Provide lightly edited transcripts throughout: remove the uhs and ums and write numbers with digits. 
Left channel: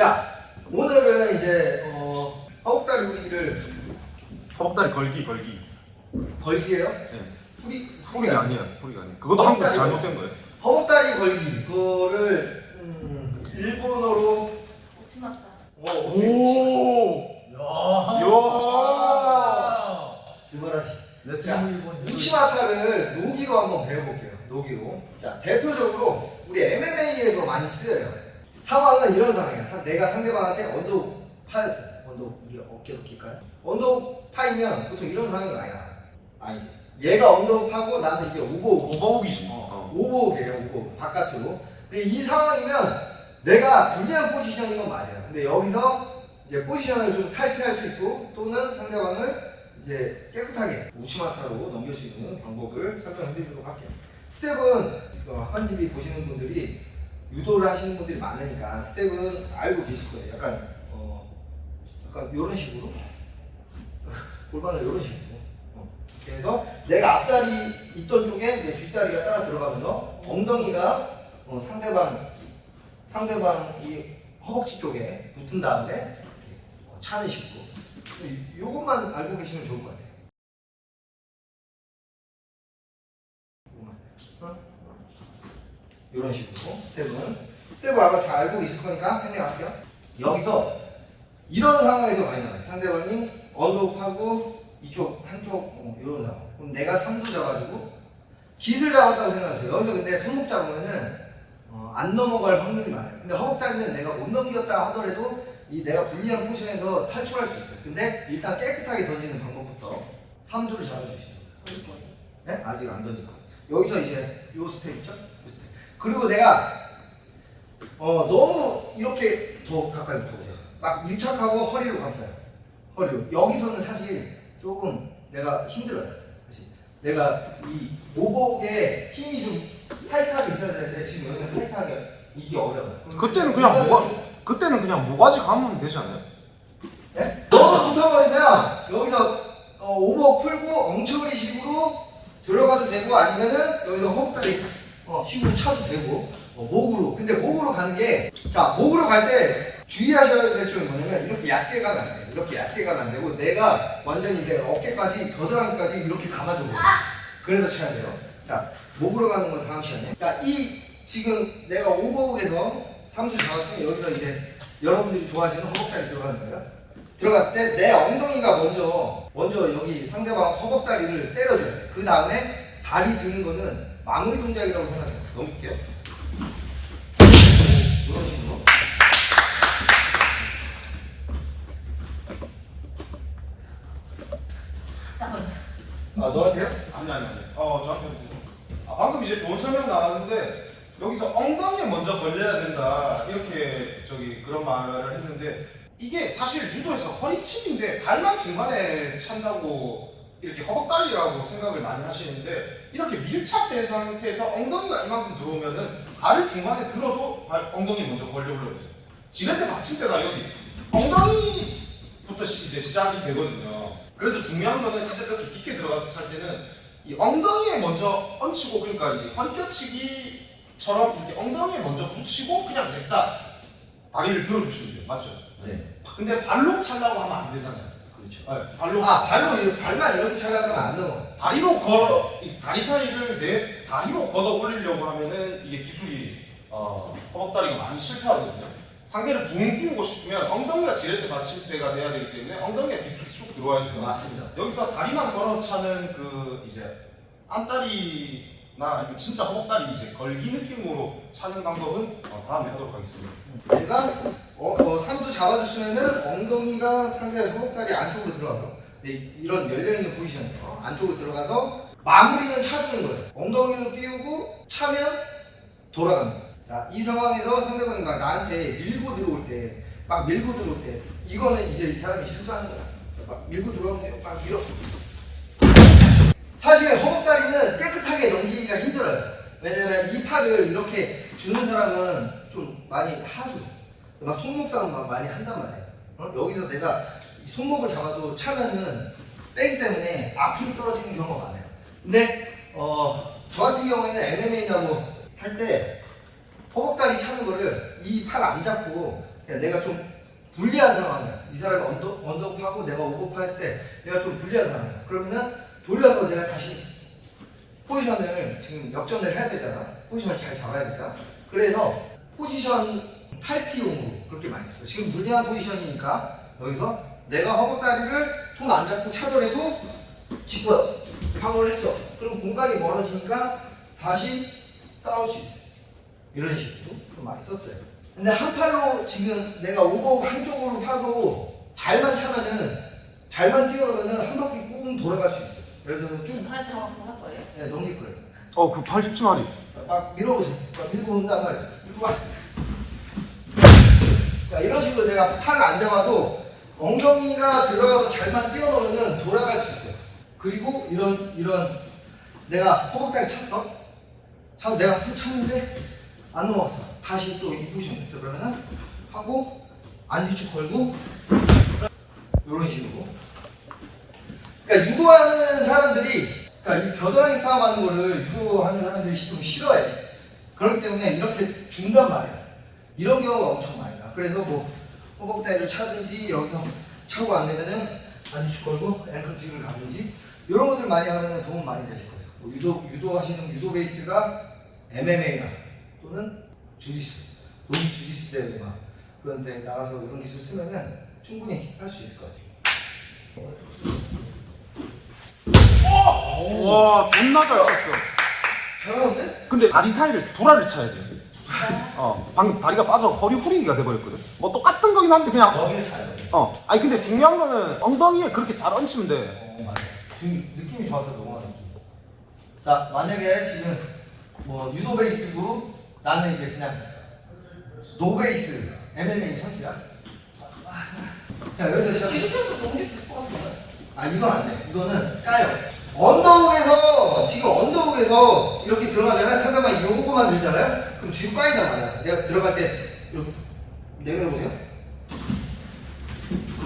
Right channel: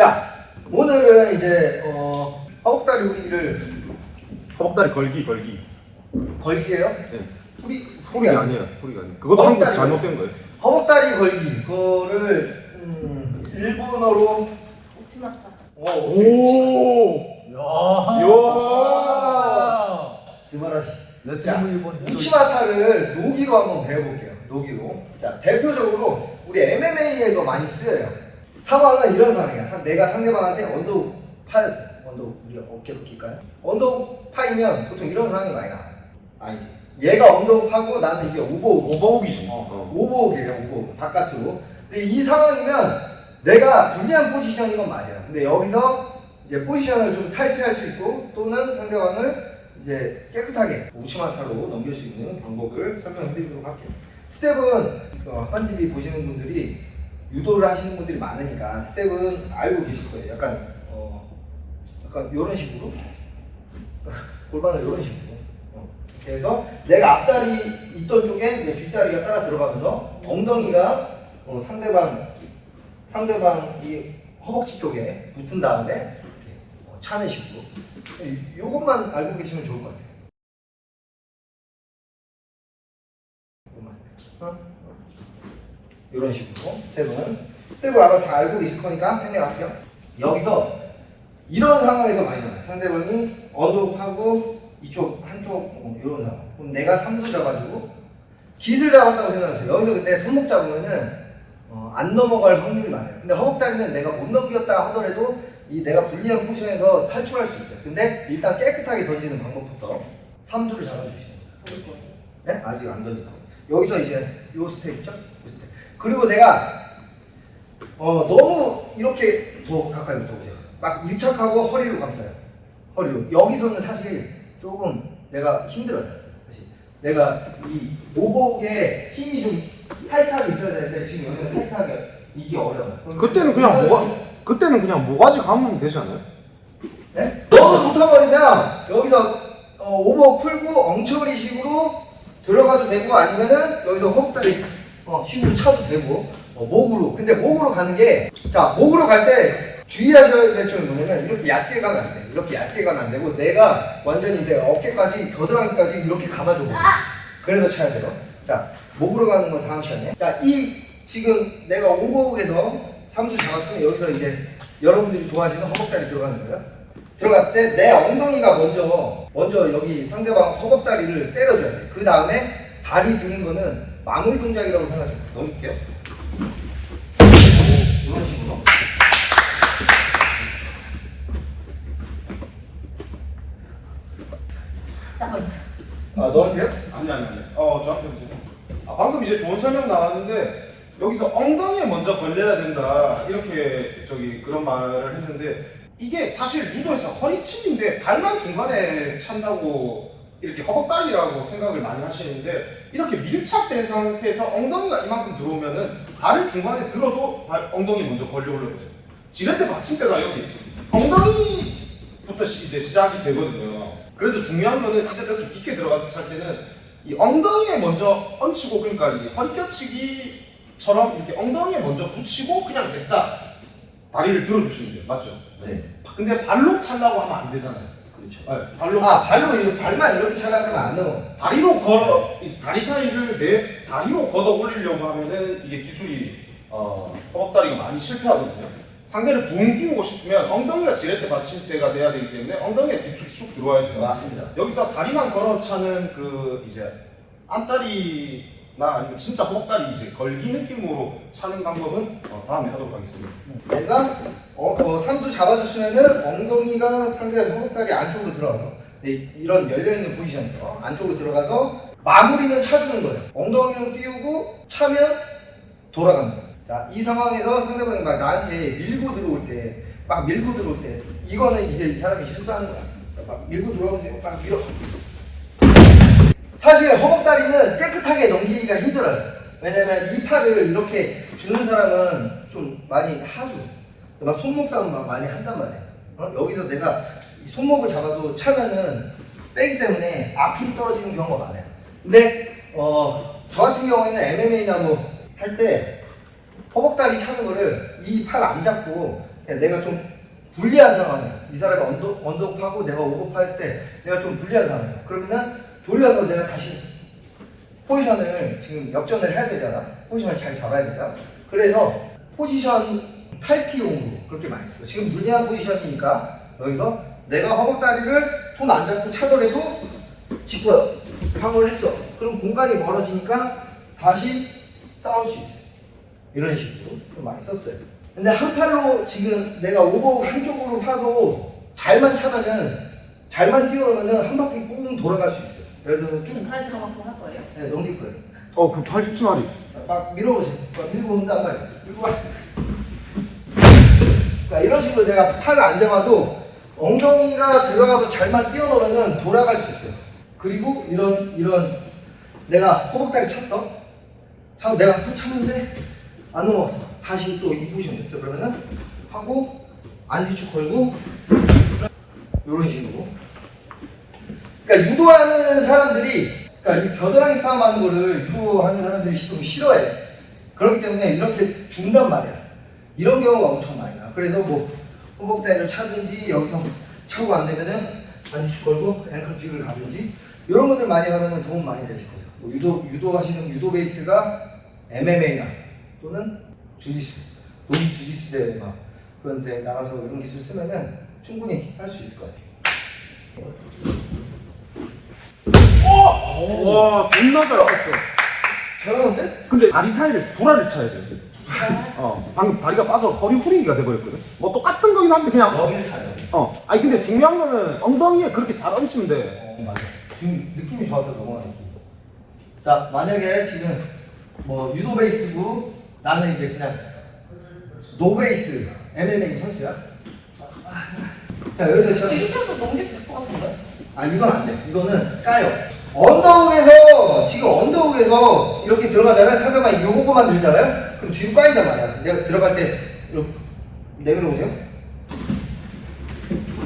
자, 오늘은 이제 허벅다리 후리기를 허벅다리 걸기. 걸기예요? 네. 후리가 아니에요. 허리가 아니에요. 그것도 한국에서 잘못된 거예요. 허벅다리 걸기 그거를 일본어로 오치마타. 오. 야, 스마라시. 자, 우치마타를 노기로 한번 배워볼게요. 노기로. 자, 대표적으로 우리 MMA에서 많이 쓰여요. 상황은 이런 상황이야. 내가 상대방한테 언더훅 파였어. 언더훅 우리 어깨로 낄까요? 언더훅 파이면 보통 이런 상황이 많이 나와요. 아니지. 얘가 언더훅 파고 나는 이게 오버훅. 오버훅이지. 오버훅이에요. 오버훅. 바깥으로. 근데 이 상황이면 내가 불리한 포지션인 건 맞아요. 근데 여기서 이제 포지션을 좀 탈피할 수 있고 또는 상대방을 이제 깨끗하게 우치마타로 넘길 수 있는 방법을 설명해 드리도록 할게요. 스텝은 한TV 보시는 분들이 유도를 하시는 분들이 많으니까 스텝은 알고 계실 거예요. 약간 이런 식으로 골반을 이런 식으로. 그래서 내가 앞다리 있던 쪽에 내 뒷다리가 따라 들어가면서 엉덩이가 상대방 이 허벅지 쪽에 붙은 다음에 이렇게 차는 식으로. 요것만 알고 계시면 좋을 것 같아요. 이런 식으로 스텝을 아마 다 알고 계실 거니까 설명할게요. 여기서 이런 상황에서 많이 나와요. 상대방이 언더훅하고 이쪽 한쪽 이런 상황. 그럼 내가 3두 잡아주고 깃을 잡았다고 생각하세요. 여기서 근데 손목 잡으면은 안 넘어갈 확률이 많아요. 근데 허벅다리는 내가 못 넘겼다 하더라도 이 내가 불리한 포지션에서 탈출할 수 있어요. 근데 일단 깨끗하게 던지는 방법부터 3두를 잡아주시는 거예요. 네? 아직 안 던지고 여기서 이제 요 스텝 있죠? 요 스텝. 그리고 내가 너무 이렇게 더 가까이 붙어보세요. 막 밀착하고 허리로 감싸요. 허리로. 여기서는 사실 조금 내가 힘들어요. 사실 내가 이 오버훅에 힘이 좀 타이트하게 있어야 되는데 지금 여기는 타이트하게 이게 어려워요. 그때는 그냥 모가지 감으면 되지 않아요? 네? 너도 붙어버리면 여기서 오버훅 풀고 엉처리식으로 들어가도 되고 아니면은 여기서 허벅다리 힘으로 쳐도 되고 목으로. 근데 목으로 가는 게 자 목으로 갈 때 주의하셔야 될 점이 뭐냐면 이렇게 얕게 가면 안 돼. 이렇게 얕게 가면 안 되고 내가 완전히 내 어깨까지 겨드랑이까지 이렇게 감아줘 보세요. 그래서 쳐야 돼요. 자 목으로 가는 건 다음 시간에. 자 이 지금 내가 오버훅에서 3두 잡았으면 여기서 이제 여러분들이 좋아하시는 허벅다리 들어가는 거예요. 들어갔을 때 내 엉덩이가 먼저 여기 상대방 허벅다리를 때려줘야 돼. 그 다음에 다리 드는 거는 마무리 동작이라고 생각해요. 넘길게요. 이런 식으로. 너한테요? 아니. 저한테 무슨? 방금 이제 좋은 설명 나왔는데 여기서 엉덩이에 먼저 걸려야 된다 이렇게 그런 말을 했는데 이게 사실 유도에서 허리팁인데 발만 중간에 찬다고 이렇게 허벅다리라고 생각을 많이 하시는데 이렇게 밀착된 상태에서 엉덩이가 이만큼 들어오면은 발을 중간에 들어도 엉덩이 먼저 걸려 올려보세요. 지렛대 받침대가 여기 엉덩이부터 이제 시작이 되거든요. 그래서 중요한 거는 이제 이렇게 깊게 들어가서 찰 때는 이 엉덩이에 먼저 얹히고 그러니까 이제 허리 껴치기처럼 이렇게 엉덩이에 먼저 붙이고 그냥 냈다 다리를 들어주시면 돼요. 맞죠? 네. 근데 발로 차려고 하면 안 되잖아요. 그렇죠. 네, 발로 발만 이렇게 차려면 안 넘어. 다리 사이를 다리로 걷어 올리려고 하면은 이게 기술이 허벅다리가 많이 실패하거든요. 상대를 붕 띄우고 싶으면 엉덩이가 지렛대 받침대가 돼야 되기 때문에 엉덩이가 깊숙이 쑥 들어와야 돼요. 맞습니다. 여기서 다리만 걸어 차는 이제 안다리나 아니면 진짜 허벅다리 이제 걸기 느낌으로 차는 방법은 다음에 하도록 하겠습니다. 내가 3두 잡아줬으면은 엉덩이가 상대 허벅다리 안쪽으로 들어가요. 네, 이런 열려있는 포지션 안쪽으로 들어가서 마무리는 차주는 거예요. 엉덩이로 띄우고 차면 돌아가는 거예요. 자, 이 상황에서 상대방이 막 나한테 밀고 들어올 때 이거는 이제 이 사람이 실수하는 거야. 자, 막 밀고 들어오면 막 밀어. 사실 허벅다리는 깨끗하게 넘기기가 힘들어요. 왜냐면 이 팔을 이렇게 주는 사람은 좀 많이 하수. 막 손목 싸움 막 많이 한단 말이에요. 여기서 내가 이 손목을 잡아도 차면은 빼기 때문에 앞으로 떨어지는 경우가 많아요. 근데 저 같은 경우에는 MMA나 뭐 할 때 허벅다리 차는 거를 이 팔 안 잡고 내가 좀 불리한 상황이야. 이 사람이 언더업하고 내가 오버파 했을 때 내가 좀 불리한 상황이야. 그러면은 돌려서 내가 다시 포지션을 지금 역전을 해야 되잖아. 포지션을 잘 잡아야 되잖아. 그래서 포지션 탈피용으로 그렇게 많이 써. 지금 불리한 포지션이니까 여기서 내가 허벅다리를 손 안 잡고 차더라도 짚어 방어를 했어. 그럼 공간이 멀어지니까 다시 싸울 수 있어. 이런 식으로 좀 많이 썼어요. 근데 한 팔로 지금 내가 오버 한쪽으로 파도 잘만 차면은 잘만 뛰어오면은 한 바퀴 꾹 돌아갈 수 있어요. 예를 들어서 쭉 발을 한번 더 할 거예요? 네, 넘길 거예요. 그 80마리. 막 밀어보세요. 막 밀고 온단 말이에요. 밀고 와. 그러니까 이런 식으로 내가 팔을 안 잡아도 엉덩이가 들어가서 잘만 뛰어놓으면 돌아갈 수 있어요. 그리고 이런 내가 허벅다리 찼어. 내가 한번 찼는데 안 넘어갔어. 다시 또 이 포지션 됐어. 그러면은 하고 안뒤축 걸고 이런 식으로. 그러니까 유도하는 사람들이 그러니까 이 겨드랑이 싸움하는 거를 유도하는 사람들이 좀 싫어해. 그렇기 때문에 이렇게 준단 말이야. 이런 경우가 엄청 많이 나. 그래서 뭐 허벅다리를 차든지 여기서 차고 안 되면은 안뒤축 걸고 앵클픽을 가든지 이런 것들 많이 하면 도움 많이 되실 거예요. 뭐 유도하시는 유도 베이스가 MMA나 또는 주짓수, 노기 주짓수 대회 막 그런 데 나가서 이런 기술 쓰면은 충분히 할 수 있을 것 같아요. 와, 존나 잘 쳤어. 잘하는데? 근데 다리 사이를 도라를 쳐야 돼. 방금 다리가 빠져 허리 후리기가 돼버렸거든. 뭐 똑같은 거긴 한데 그냥. 여기를 잘 잡아. 아니 근데 중요한 거는 엉덩이에 그렇게 잘 얹히면 돼. 맞아. 지금 느낌이 좋아서 넘어가는 느낌. 자, 만약에 지금 뭐 유도 베이스고 나는 이제 그냥 노 베이스 MMA 선수야. 자, 여기서 시작. 이렇게 해서 넘길 수 있을 것 같은데? 아, 이건 안 돼. 이거는 까요. 언더훅에서 지금 언더훅에서 이렇게 들어가잖아요. 상대방이 요거만 들잖아요. 그럼 뒤로 까인단 말이야. 내가 들어갈 때 이렇게 내밀어보세요.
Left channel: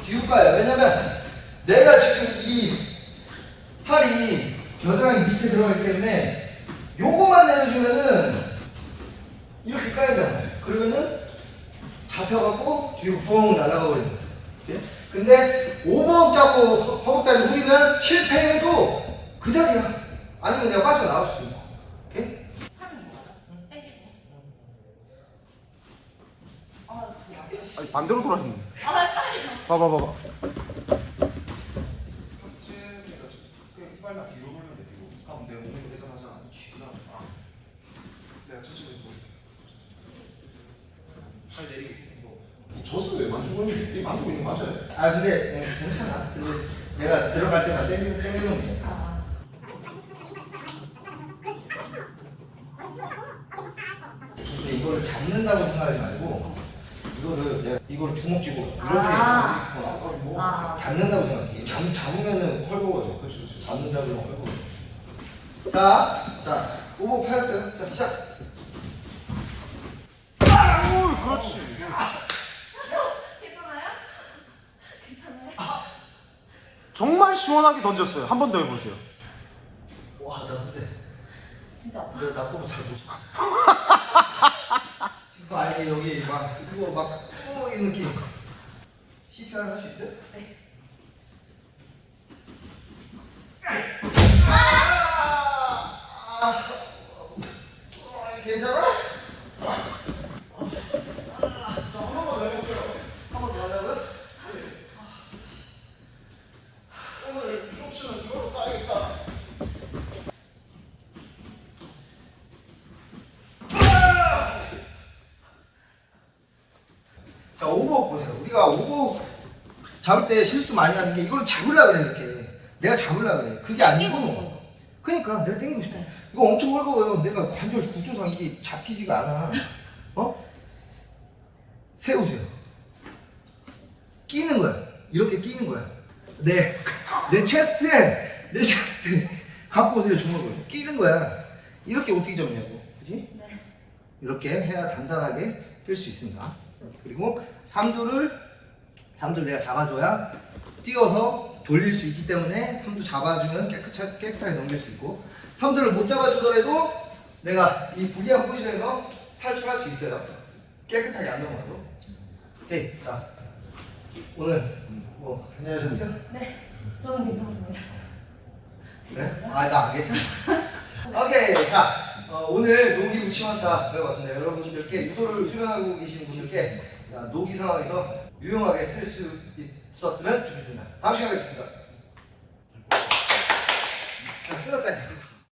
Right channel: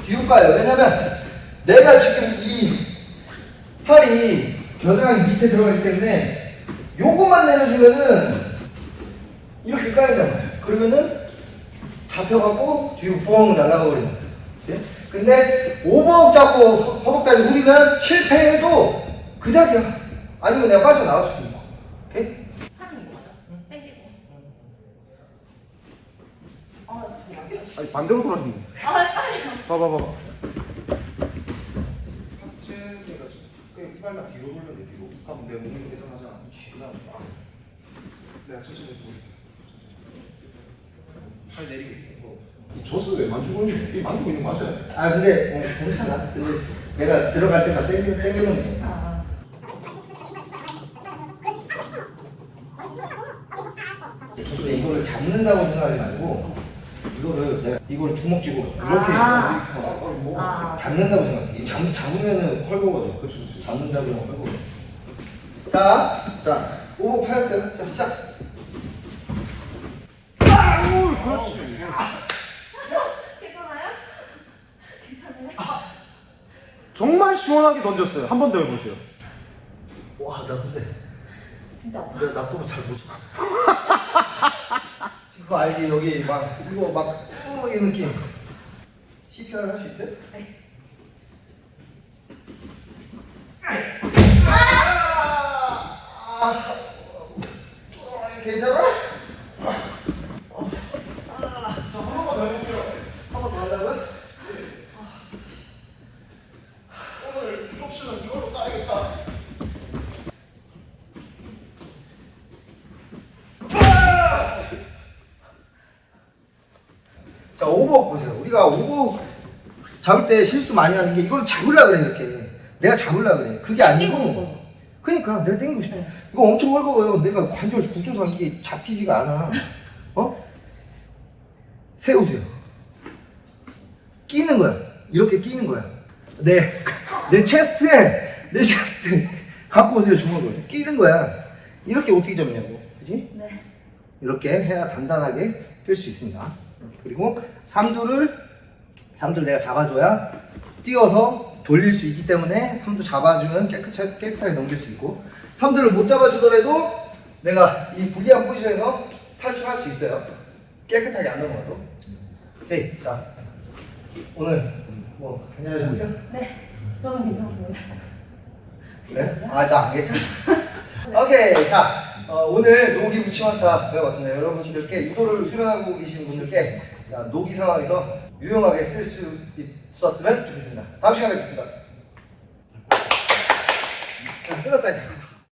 뒤로 까요. 왜냐면 내가 지금 이 팔이 겨드랑이 밑에 들어가기 때문에 요것만 내려주면은 이렇게 까인단 말이야. 그러면은 잡혀갖고 뒤로 뻥 날아가 버리는 거야. 오케이? 근데 오버억 잡고 허벅다리 후리면 실패해도 그 자리야. 아니면 내가 빠져나갈 수도 있고. 오케이? 하는 거예요? 땡기고. 진짜. 아니, 반대로 돌아섰네. 헷갈려. 봐봐. 이발만 뒤로 돌면 돼, 뒤로. 그럼 내 몸이 회전하잖아. 그 다음에 내가 천천히 돌릴게. 잘 내리게. 젖을 왜 만지고 있는 거야? 만지고 있는 거 맞아요? 아, 근데 괜찮아. 근데 내가 들어갈 때만 땡기면 돼. 근데 이거를 잡는다고 생각하지 말고 이거를 내가 이걸 주먹 쥐고 이렇게 잡는다고 생각해. 잡으면은 헐거워져. 그렇죠. 잡는다고 하면 헐거워져. 자, 오버 파였어요. 자, 시작. 오, 그렇지. 괜찮아요? 괜찮아요? 정말 시원하게 던졌어요. 한 번 더 해보세요. 와, 나 근데 진짜 아파. 나 그거 잘 못 쳐. 그거 알지? 여기 막 이거 막 이 느낌. CPR 할 수 있어요? 네. 괜찮아? 한 번 더 하자고요? 자, 오버워크 보세요. 우리가 오버워크 잡을 때 실수 많이 하는 게 이걸 잡으려고 그래, 이렇게. 내가 잡으려고 그래. 그게 아니고. 그니까, 내가 땡기고 싶어. 이거 엄청 헐거워요. 내가 관절 구조상 이게 잡히지가 않아. 세우세요. 끼는 거야. 이렇게 끼는 거야. 내 체스트에 갖고 오세요, 주먹을. 끼는 거야. 이렇게 어떻게 잡냐고. 그지? 네. 이렇게 해야 단단하게 낄 수 있습니다. 그리고 삼두를 내가 잡아줘야 뛰어서 돌릴 수 있기 때문에 삼두 잡아주면 깨끗하게 넘길 수 있고, 삼두를 못 잡아주더라도 내가 이 불리한 포지션에서 탈출할 수 있어요. 깨끗하게 안 넘어가도. 오케이. 자, 오늘 뭐 괜찮으셨어요? 네, 저는 괜찮습니다. 그래? 아, 나 안 괜찮아. 오케이. 자, 오늘 노기 우치원타 배워봤습니다. 여러분들께 유도를 수련하고 계신 분들께 자, 노기 상황에서 유용하게 쓸 수 있었으면 좋겠습니다. 다음 시간에 뵙겠습니다. 자, 끝났다 이제.